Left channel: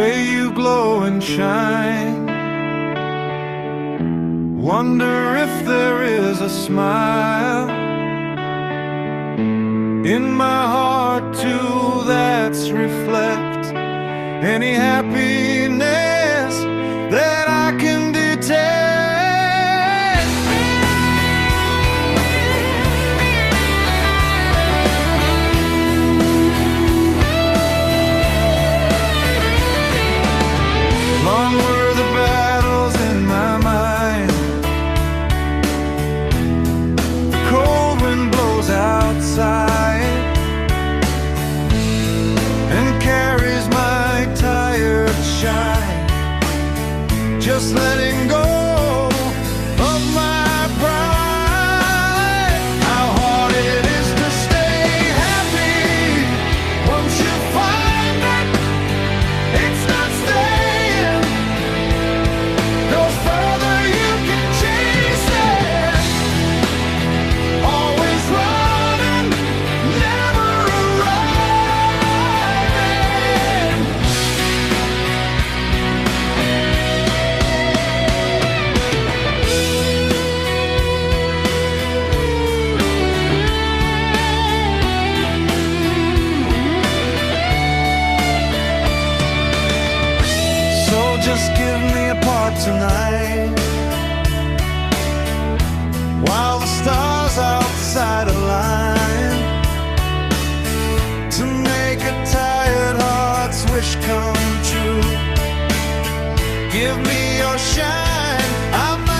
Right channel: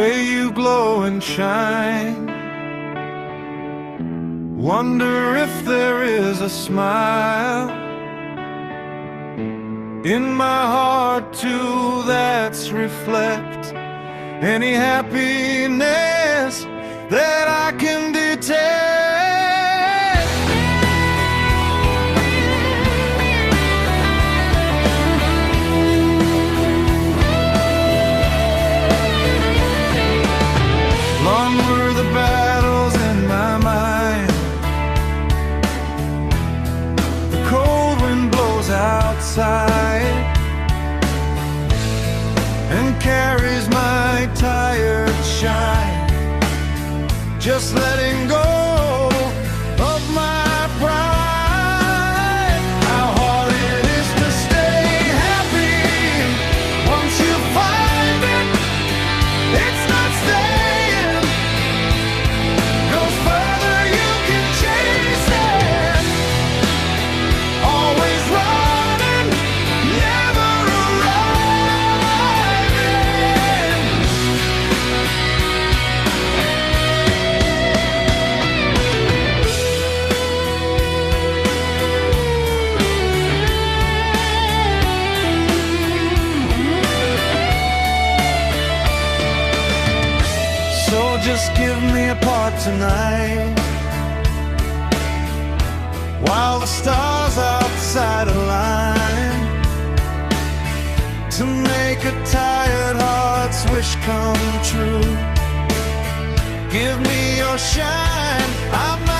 way you glow and shine. Wonder if there is a smile in my heart too that's reflect any happiness that I can detect. Long were the battles in my mind. The cold wind blows outside and carries my tired shigh, just letting go of my pride. How hard it is to stay happy once you find it, it's not staying. Go further, you can chase it. Always running, never arriving. So just give me a part tonight, while the stars outside align, to make a tired heart's wish come true. Give me your shine, I might